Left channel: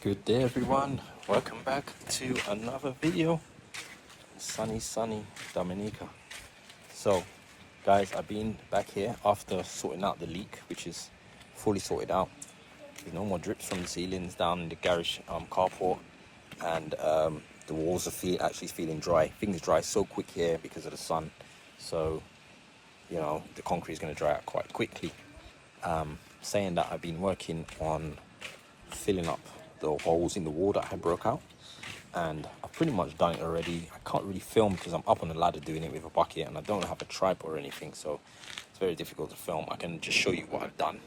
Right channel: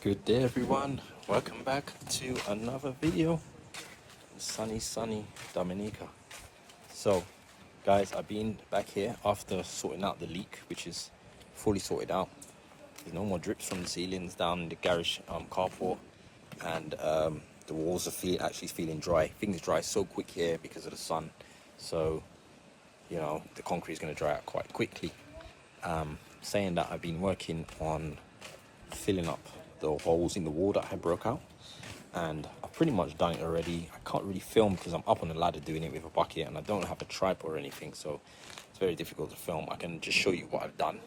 Good day everyone, welcome back to another video in sunny Dominica. So guys, I've been back here after sorting out the leak, which is fully sorted out. There's no more drips from the ceilings down in the garage carport, and the walls are actually feeling dry. Things dry so quick here because of the sun, so you know the concrete is going to dry out quite quickly. Saying that, I've been working on filling up the holes in the wall that I broke out, and I've pretty much done it already. I can't really film because I'm up on the ladder doing it with a bucket and I don't have a tripod or anything, so it's very difficult to film. I can just show you what I've done.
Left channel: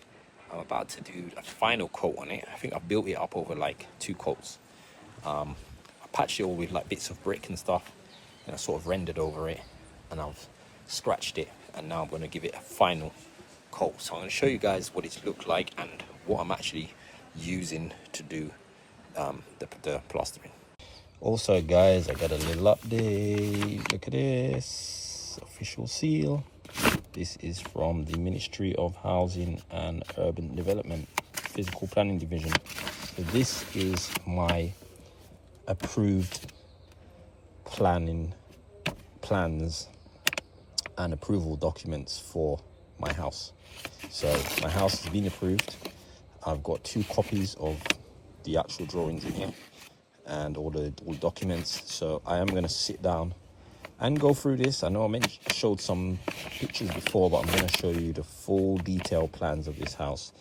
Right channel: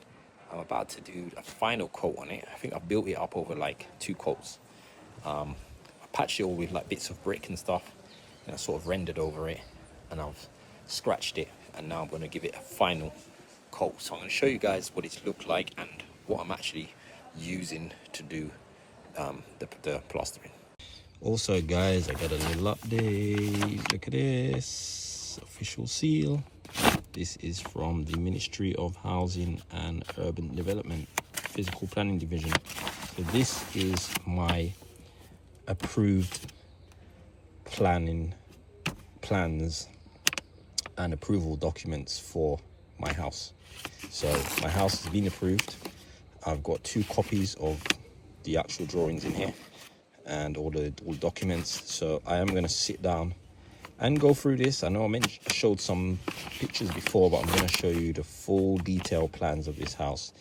I'm about to do a final coat on it. I think I built it up over like 2 coats. I patched it all with like bits of brick and stuff, and I sort of rendered over it, and I've scratched it, and now I'm going to give it a final coat. So I'm going to show you guys what it's looked like and what I'm actually using to do the plastering. Also guys, I got a little update. Look at this official seal. This is from the Ministry of Housing and Urban Development, Physical Planning Division. So this is my approved plans and approval documents for my house. So my house has been approved. I've got 2 copies of the actual drawings in here and all the documents. So I am going to sit down and go through this. I know I showed some pictures before, but I'm going to show you the full detailed plans of this house,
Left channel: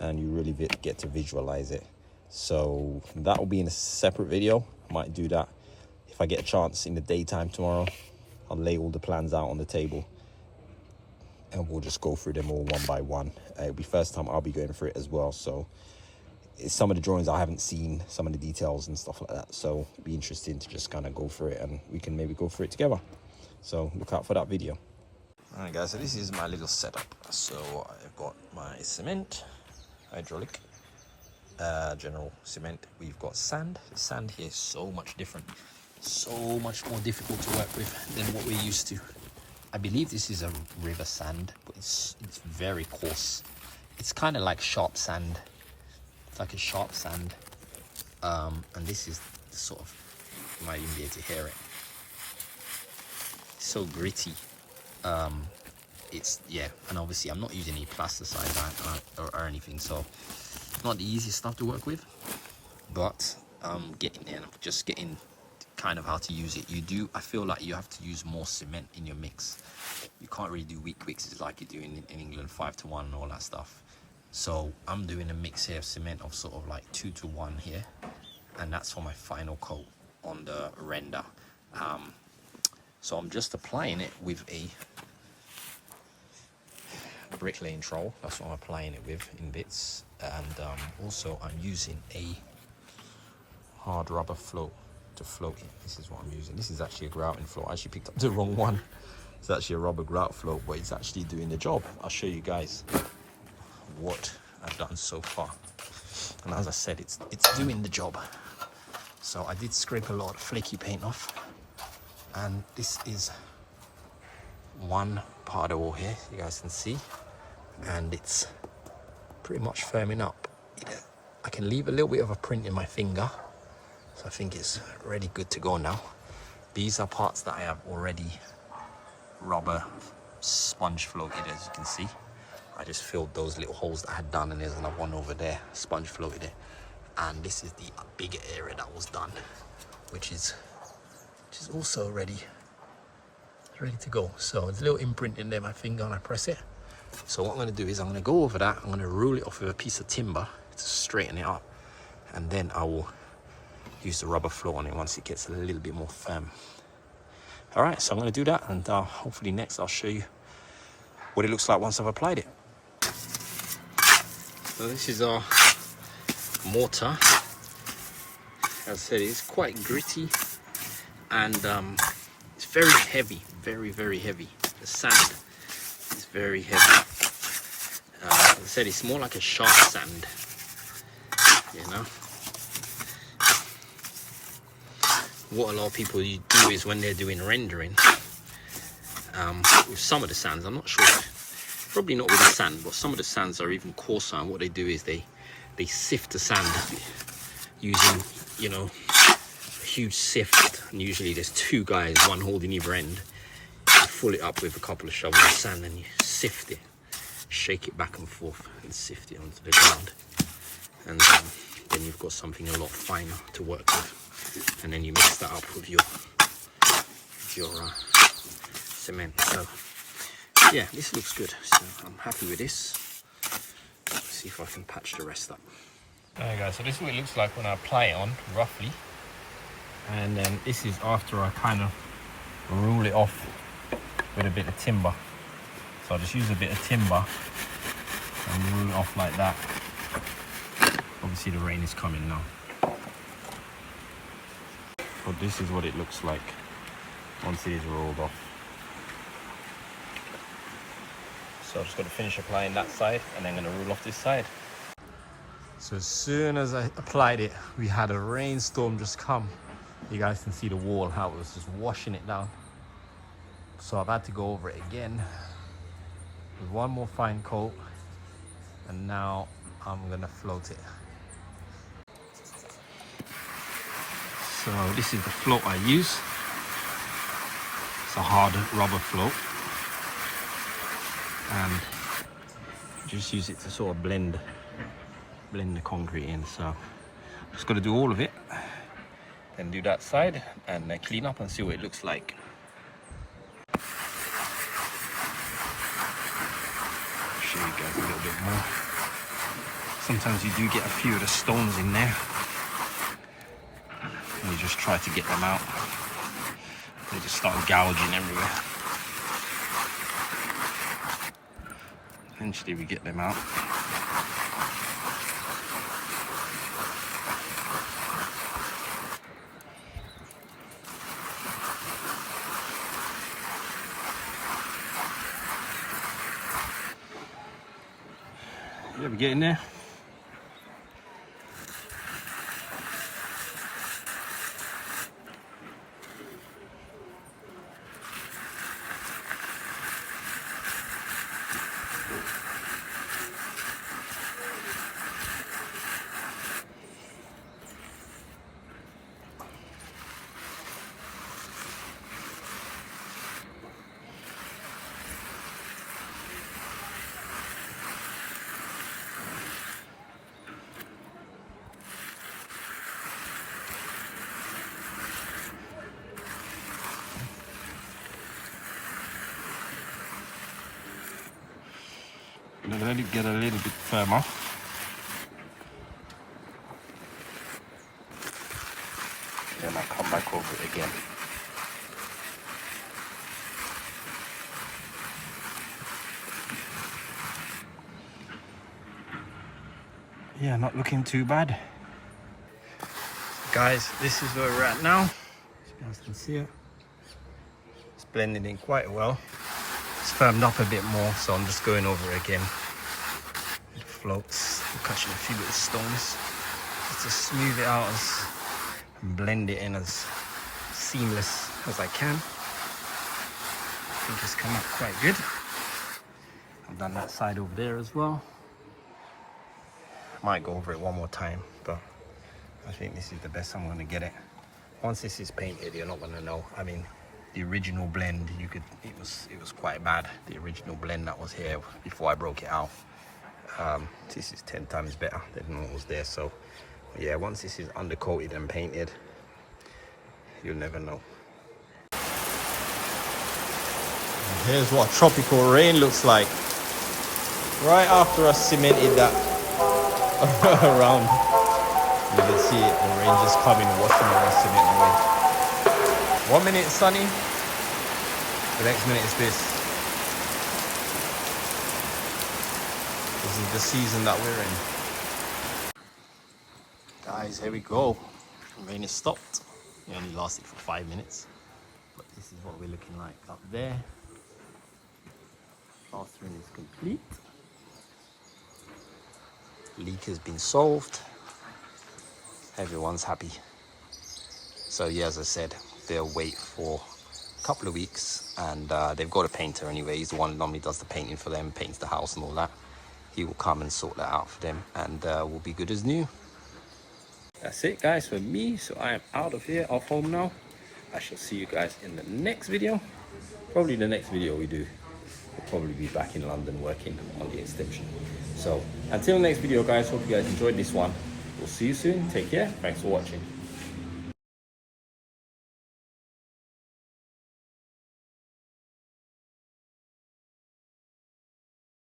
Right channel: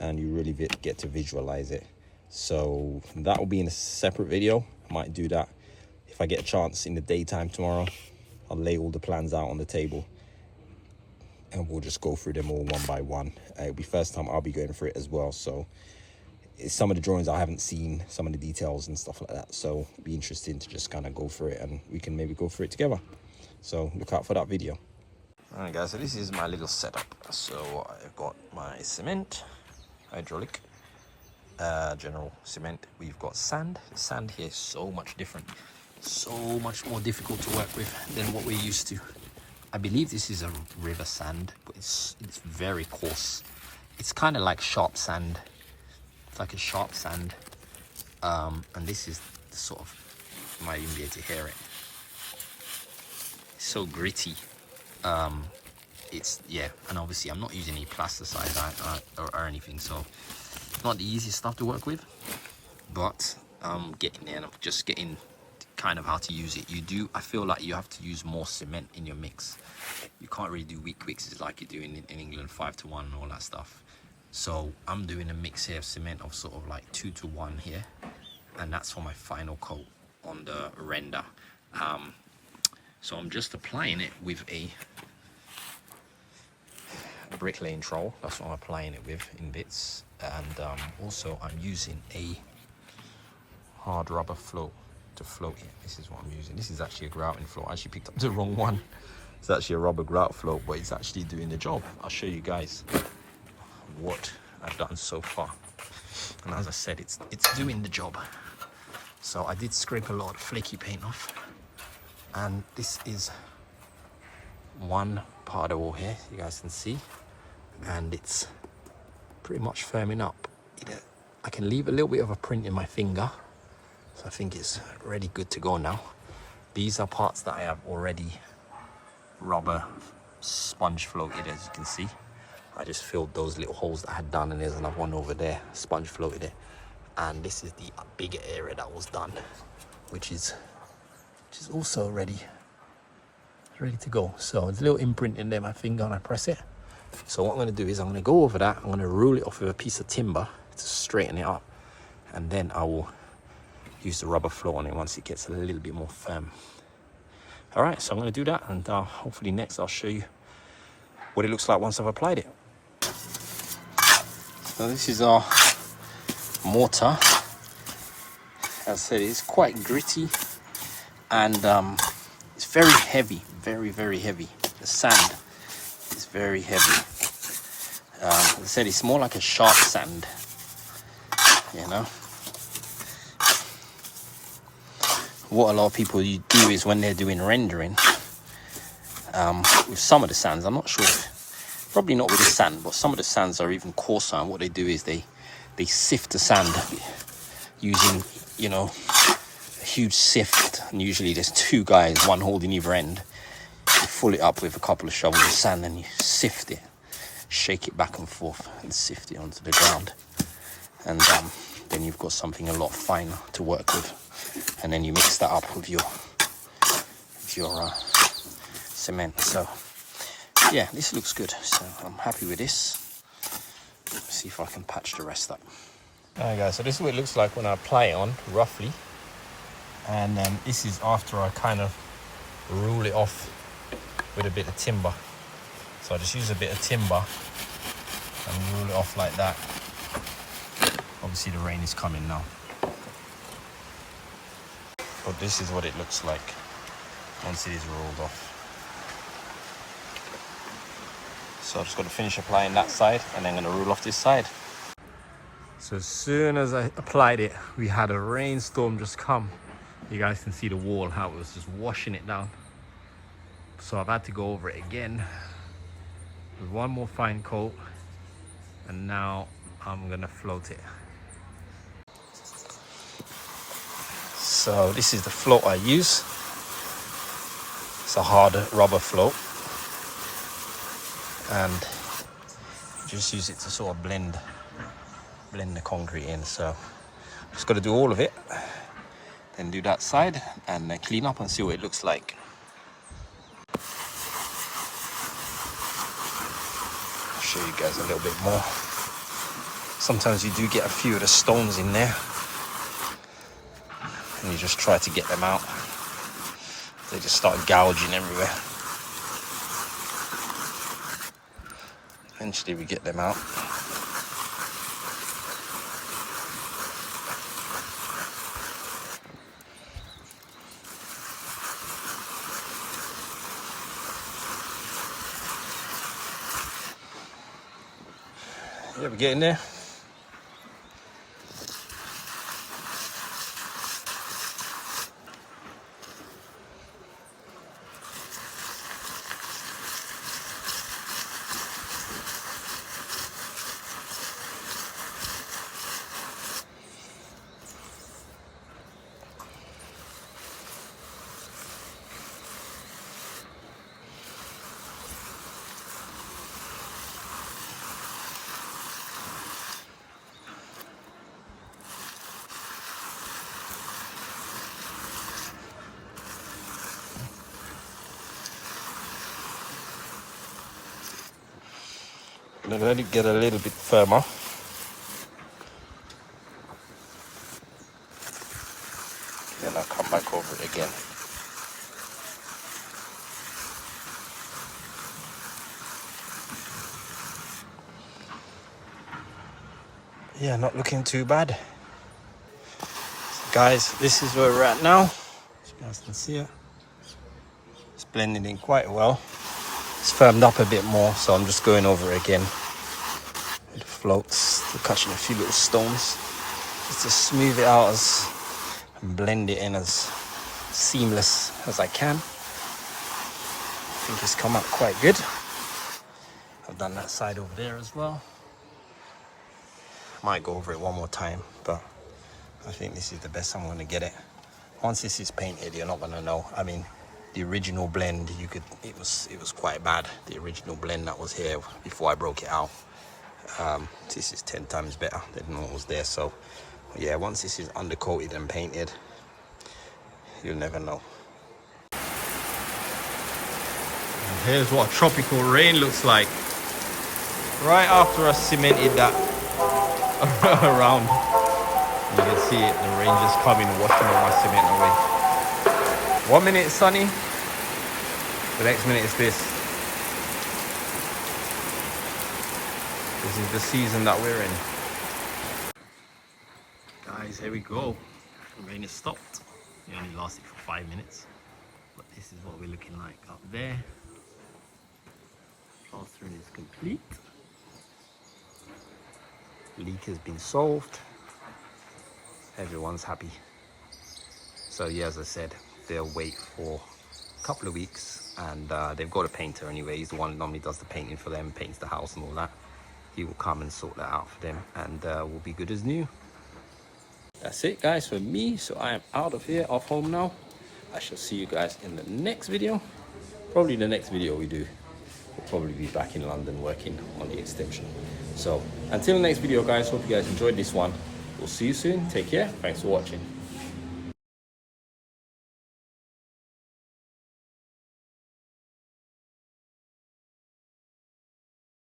and you really get to visualize it. So that will be in a separate video. I might do that if I get a chance in the daytime tomorrow. I'll lay all the plans out on the table and we'll just go through them all one by one. It'll be first time I'll be going through it as well, so it's some of the drawings I haven't seen, some of the details and stuff like that, so it'll be interesting to just kind of go through it, and we can maybe go through it together. So look out for that video. All right guys, so this is my little setup. So I've got my cement, hydraulic, general cement. We've got sand. The sand here is so much different, so much more difficult to work with than what we're used to. I believe this is a river sand, but it's very coarse. It's kind of like sharp sand. It's like a sharp sand, and this is the sort of, you might even be able to hear it. It's so gritty. It's, yeah, and obviously I'm not using any plasticide or anything, so it's not the easiest stuff to work with, but I'm getting there, and I'm just getting kind of how to use it. I feel like you have to use more cement in your mix. You can't really do weak mixes like you do in England, 5-to-1 and all that stuff. So I'm doing a mix here of cement of sort of like 2-to-1 here, and that's for my final coat on the render. So I'm just applying it with a bricklaying trowel. That's what I'm applying it with in bits, and also I'm using a hard rubber float to float it. This is what I'm using. This is actually a grouting float. I actually picked up the wrong one. It's actually a rubber grout float, but it's actually doing the job. I'll show you guys what I've done so far, and as I said, it's doing the job. So I did scrape a lot of flaky paint off, and this is one part of the wall here, you guys can see, and it's pretty much firming up. I can leave a little bit of a print in my finger, so I think it's ready, good to go now. These are parts that I have already rubber sponge floated, as you can see. I just filled those little holes that I had done, and there's another one over there, sponge floated it. And this is the bigger area that was done, which is also ready to go. So there's a little imprint in there, my finger, and I press it. So what I'm going to do is I'm going to go over that, I'm going to rule it off with a piece of timber to straighten it up, and then I will use the rubber float on it once it gets a little bit more firm. All right, so I'm going to do that, and hopefully next I'll show you what it looks like once I've applied it. So this is our mortar. As I said, it's quite gritty, and it's very heavy, very heavy. The sand is very heavy. As I said, it's more like a sharp sand, you know. What a lot of people do is when they're doing rendering, with some of the sands, I'm not sure, probably not with the sand, but some of the sands are even coarser, and what they do is they sift the sand using, you know, a huge sift, and usually there's two guys, one holding either end. You fill it up with a couple of shovels of sand and you sift it, shake it back and forth and sift it onto the ground. And then you've got something a lot finer to work with. And then you mix that up with your cement. So yeah, this looks good. So I'm happy with this. Let's see if I can patch the rest up. Alright guys, so this is what it looks like when I apply it on, roughly. And this is after I kind of rule it off with a bit of timber. So I just use a bit of timber and rule it off like that. Obviously the rain is coming now. But this is what it looks like once it is rolled off. So I've just got to finish applying that side and then I'm going to rule off this side. So as soon as I applied it, we had a rainstorm just come. You guys can see the wall, how it was just washing it down. So I've had to go over it again with one more fine coat, and now I'm gonna float it. So this is the float I use. It's a hard rubber float, and you just use it to sort of blend the concrete in. So just got to do all of it, then do that side and then clean up and see what it looks like. I'll show you guys a little bit more. Sometimes you do get a few of the stones in there and you just try to get them out. They just start gouging everywhere. Eventually we get them out. Yeah, we're getting there. Let it get a little bit firmer. Then I'll come back over it again. Yeah, not looking too bad. So guys, this is where we're at now. As you guys can see it. It's blended in quite well. It's firmed up a bit more, so I'm just going over it again. It floats, catching a few little stones, just to smooth it out and blend it in as seamless as I can. I think it's come out quite good. I've done that side over there as well. Might go over it one more time, but I think this is the best I'm going to get it. Once this is painted, you're not going to know. I mean, the original blend, it was quite bad. The original blend that was here before I broke it out. This is 10 times better than what was there. So yeah, once this is undercoated and painted, you'll never know. And here's what tropical rain looks like. Right after I cemented that around, you can see it, the rain just coming and washing all my cement away. 1 minute it's sunny, the next minute it's this. This is the season that we're in. Guys, here we go. The rain has stopped. It only lasted for 5 minutes. But this is what we're looking like up there. Plastering is complete. Leak has been solved. Everyone's happy. So yeah, as I said, they'll wait for a couple of weeks, and they've got a painter anyway. He's the one that normally does the painting for them, paints the house and all that. He will come and sort that out for them, and we'll be good as new. that's it, guys, for me. So I am out of here, off home now. I shall see you guys in the next video. Probably the next video we do, we'll probably be back in London working on the extension. So until the next video, guys, hope you guys enjoyed this one. We'll see you soon. Take care. Thanks for watching.